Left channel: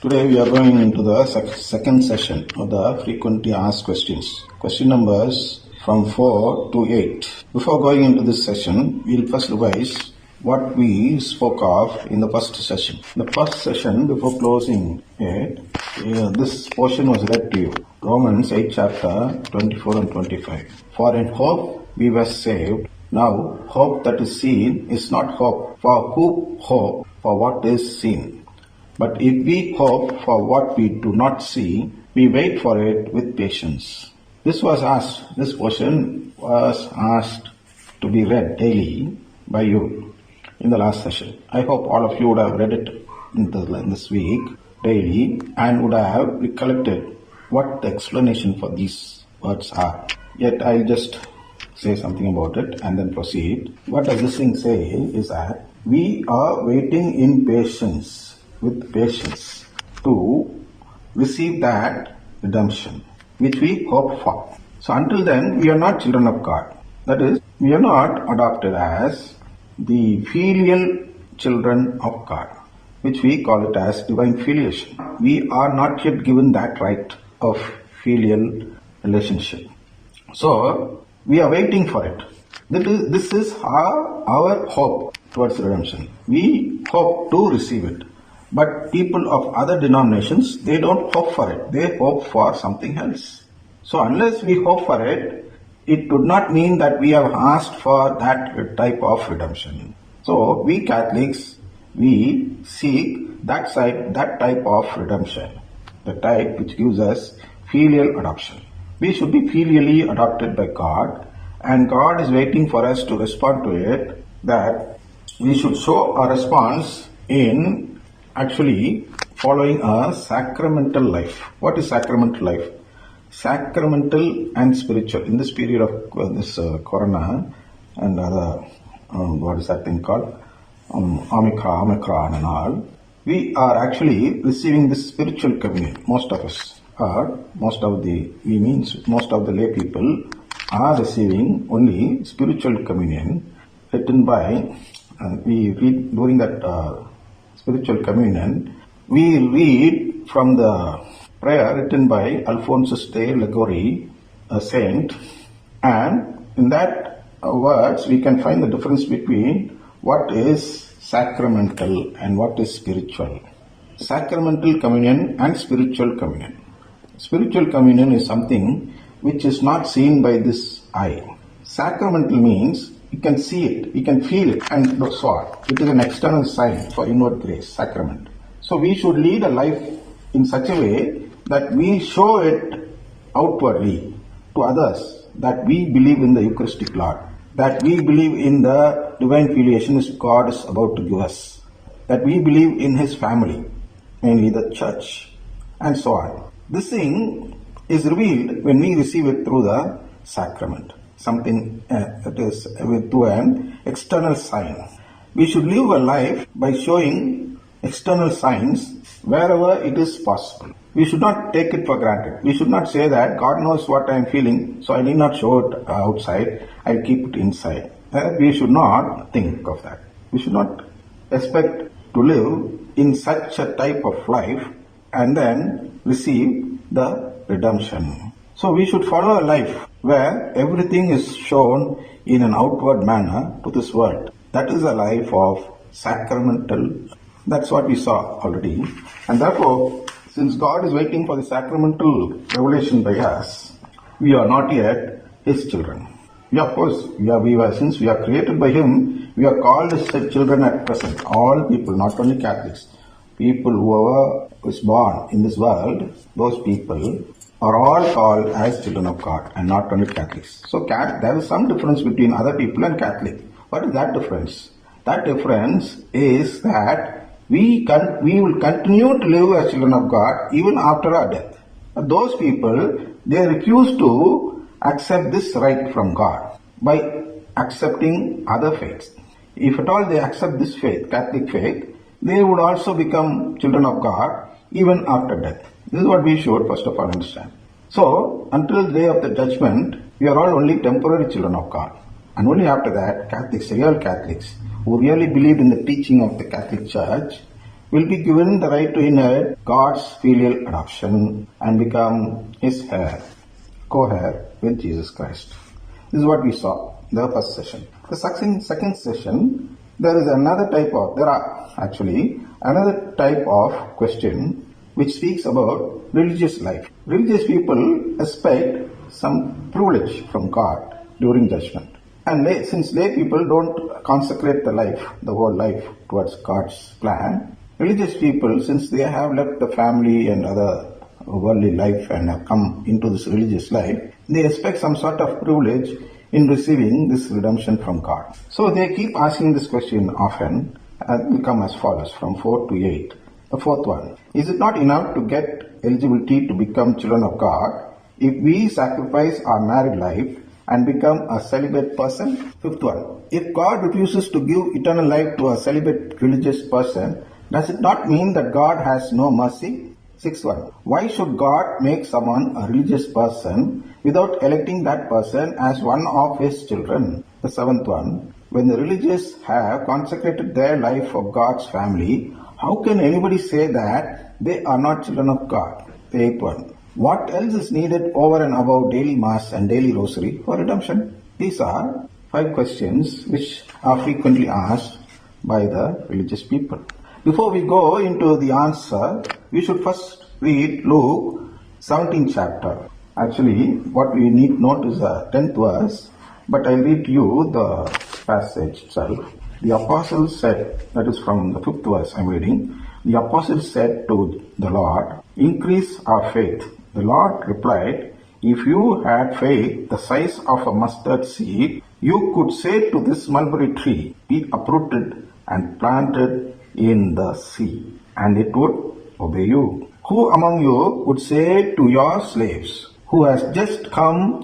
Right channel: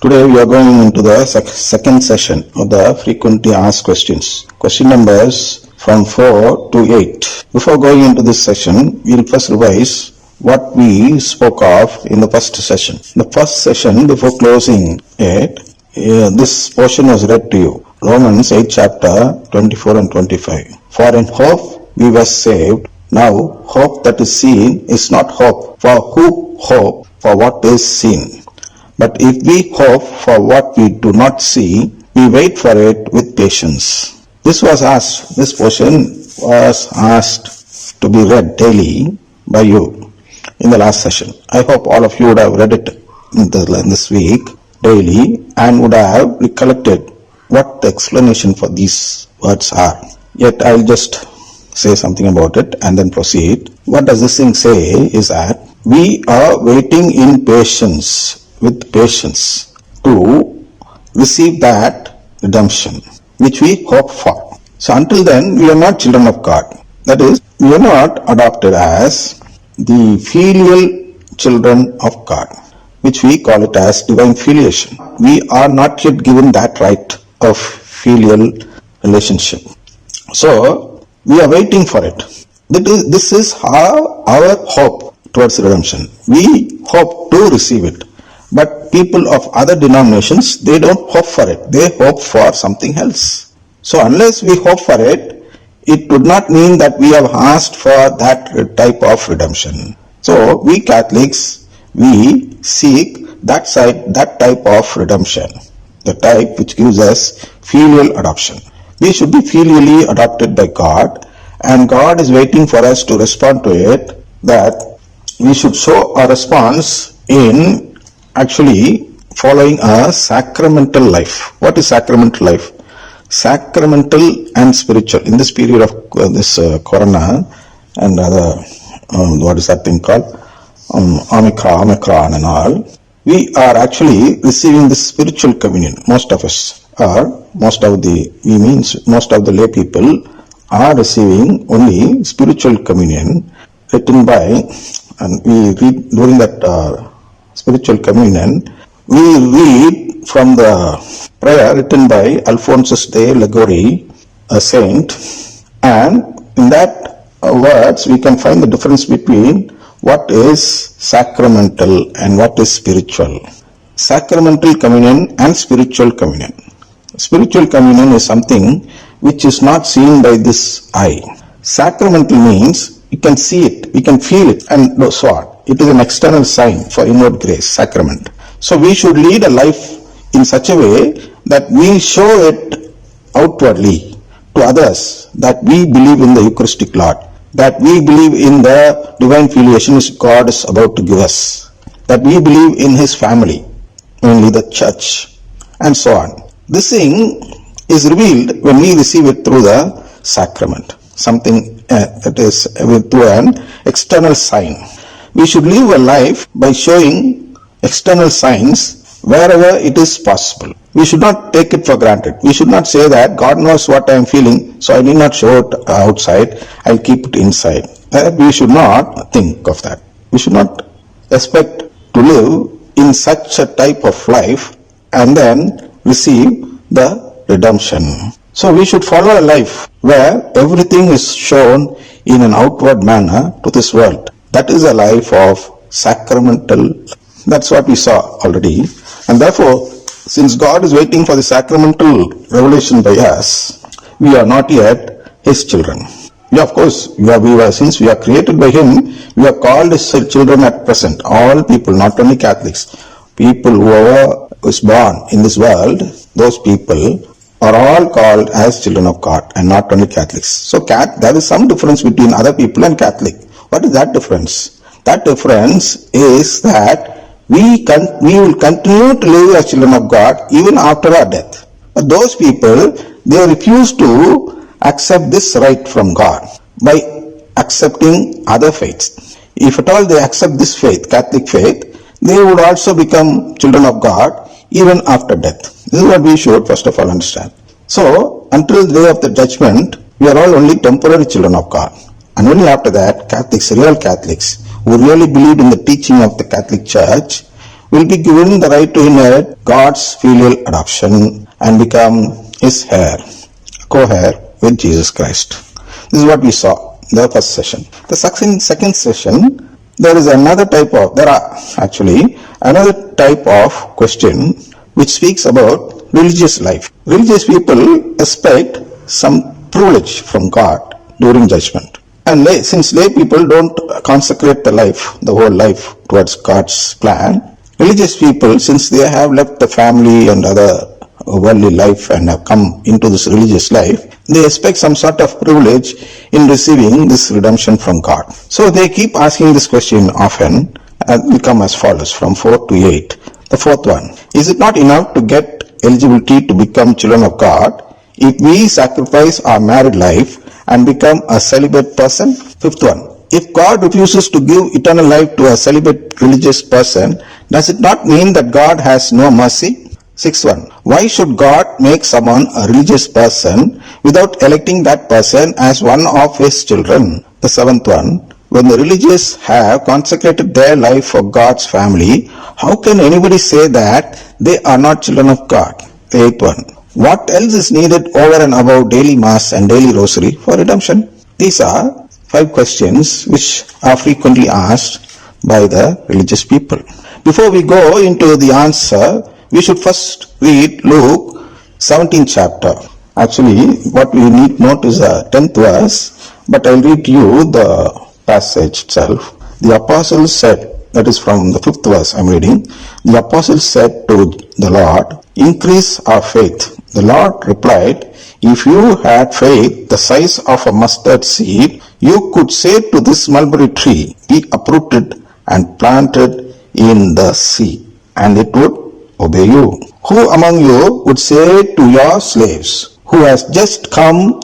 Today we are going into the second session of the frequently asked questions. Question numbers from 4 to 8. Before going into this session, we will first revise what we spoke of in the first session. In the first session, before closing it, this portion was read to you. Romans 8 chapter 24 and 25. For in hope we were saved. Now hope that is seen is not hope. For who hope for what is seen? But if we hope for what we do not see, we wait for it with patience. This portion was asked to be read daily by you in the last session. I hope all of you would have read it in this week daily and would have recollected what the explanation for these words are. Yet I'll just say something about it and then proceed. What does this thing say is that we are waiting in patience, with patience, to receive that redemption which we hope for. So until then, we are not children of God. That is, we are not adopted as the filial children of God, which we call it as divine filiation. We are not yet given that right of filial relationship. So we are waiting for it. This is our hope towards redemption. We hope to receive it. But people of other denominations, they don't hope for it. They hope for something else. So unless we hope for it, it would not mean that we have asked for that type of redemption. So we Catholics, we seek that type of redemption, the type which gives us filial adoption. We should be filially adopted by God, and God is waiting for us to respond to it, that we should show our response in actually following a sacramental life. What is sacramental life? Sacramental and spiritual. In this period of this corona and other, what is that thing called? Omicron and all, we are actually receiving this spiritual communion. Most of us are, most of the lay people are receiving only spiritual communion written by, and we read during that spiritual communion, we read from the prayer written by Alphonsus de Liguori, a saint, and in that words we can find the difference between what is sacramental and what is spiritual. Sacramental communion and spiritual communion. Spiritual communion is something which is not seen by this eye. Sacramental means you can see it, you can feel it, and so on. It is an external sign for inward grace, sacrament. So we should lead a life in such a way that we show it outwardly to others that we believe in the Eucharistic Lord, that we believe in the divine filiation which God is about to give us, that we believe in His family, mainly the church, and so on. This thing is revealed when we receive it through the sacrament, something that is through an external sign. We should live a life by showing external signs wherever it is possible. We should not take it for granted. We should not say that God knows what I am feeling, so I need not show it outside, I'll keep it inside. We should not think of that. We should not expect to live in such a type of life and then receive the redemption. So we should follow a life where everything is shown in an outward manner to this world. That is a life of sacramental. That's what we saw already. And therefore, since God is waiting for the sacramental revelation by us, we are not yet His children. Yeah, of course, since we are created by Him, we are called His children at present. All people, not only Catholics, people whoever is born in this world, those people are all called as children of God and not only Catholics. So there is some difference between other people and Catholic. What is that difference? That difference is that we will continue to live as children of God even after our death. But those people, they refuse to accept this right from God by accepting other faiths. If at all they accept this faith, Catholic faith, they would also become children of God even after death. This is what we should first of all understand. So, until the day of the judgment, we are all only temporary children of God. And only after that, Catholics, real Catholics, who really believed in the teaching of the Catholic Church, will be given the right to inherit God's filial adoption and become his heir, co-heir with Jesus Christ. This is what we saw in the first session. The second session, there are actually another type of question which speaks about religious life. Religious people expect some privilege from God during judgment. And since lay people don't consecrate the whole life towards God's plan, religious people, since they have left the family and other worldly life and have come into this religious life, they expect some sort of privilege in receiving this redemption from God. So they keep asking this question often, and will come as follows from 4 to 8. The fourth one, is it not enough to get eligibility to become children of God if we sacrifice our married life and become a celibate person? Fifth one, if God refuses to give eternal life to a celibate religious person, does it not mean that God has no mercy? Sixth one, why should God make someone a religious person without electing that person as one of his children? The seventh one, when the religious have consecrated their life for God's family, how can anybody say that they are not children of God? The eighth one, what else is needed over and above daily mass and daily rosary for redemption? These are 5 questions which are frequently asked by the religious people. Before we go into the answer, we should first read Luke 17th chapter. Actually, what we need to note is the 10th verse, but I'll read you the passage itself. The apostles said, that is from the 5th verse I'm reading, the apostles said to the Lord, increase our faith. The Lord replied, if you had faith the size of a mustard seed, you could say to this mulberry tree, be uprooted and planted in the sea, and it would obey you. Who among you would say to your slaves, who has just come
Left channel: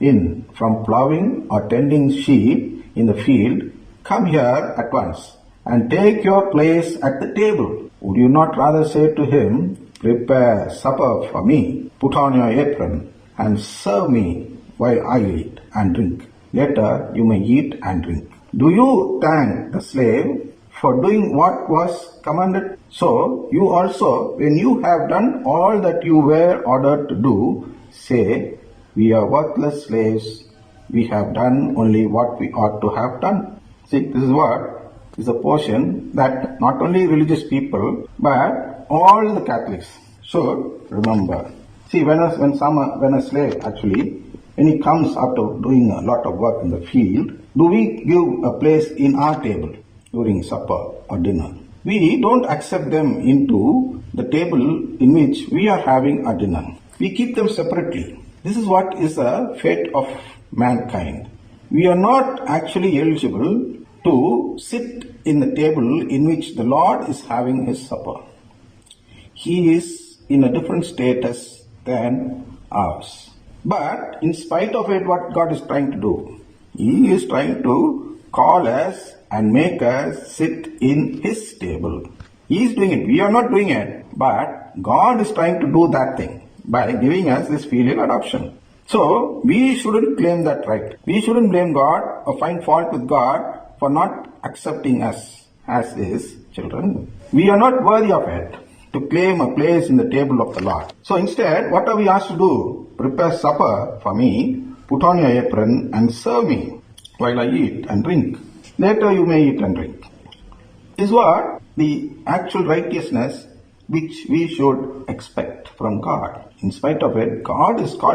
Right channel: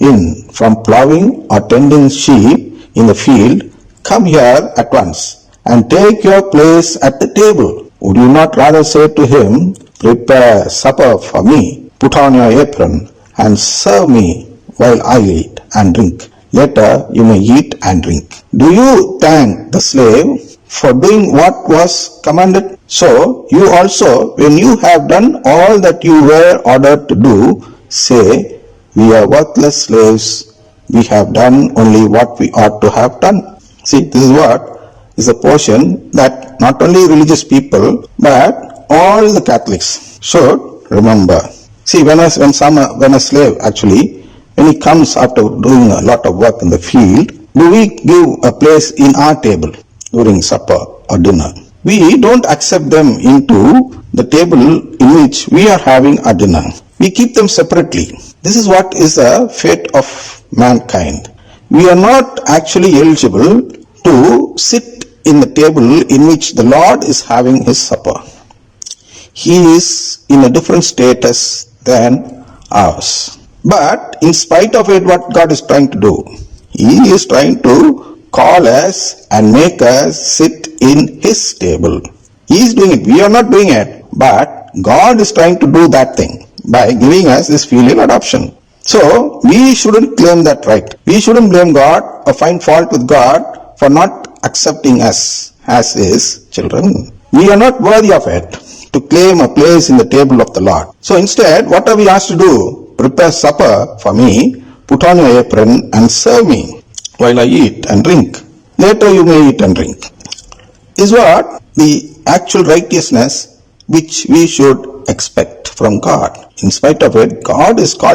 in from plowing or tending sheep in the field, come here at once and take your place at the table? Would you not rather say to him, prepare supper for me, put on your apron, and serve me while I eat and drink? Later you may eat and drink. Do you thank the slave for doing what was commanded? So you also, when you have done all that you were ordered to do, say, we are worthless slaves, we have done only what we ought to have done. See, this is what is a portion that not only religious people, but all the Catholics should remember. See, when a slave actually, when he comes after doing a lot of work in the field, do we give a place in our table during supper or dinner? We don't accept them into the table in which we are having our dinner. We keep them separately. This is what is the fate of mankind. We are not actually eligible to sit in the table in which the Lord is having his supper. He is in a different status than ours. But in spite of it, what God is trying to do? He is trying to call us and make us sit in his table. He is doing it. We are not doing it. But God is trying to do that thing by giving us this filial adoption. So we shouldn't claim that right. We shouldn't blame God or find fault with God for not accepting us as his children. We are not worthy of it to claim a place in the table of the Lord. So instead, what are we asked to do? Prepare supper for me, put on your apron and serve me while I eat and drink. Later you may eat and drink. Is what the actual righteousness which we should expect from God. In spite of it, God is calling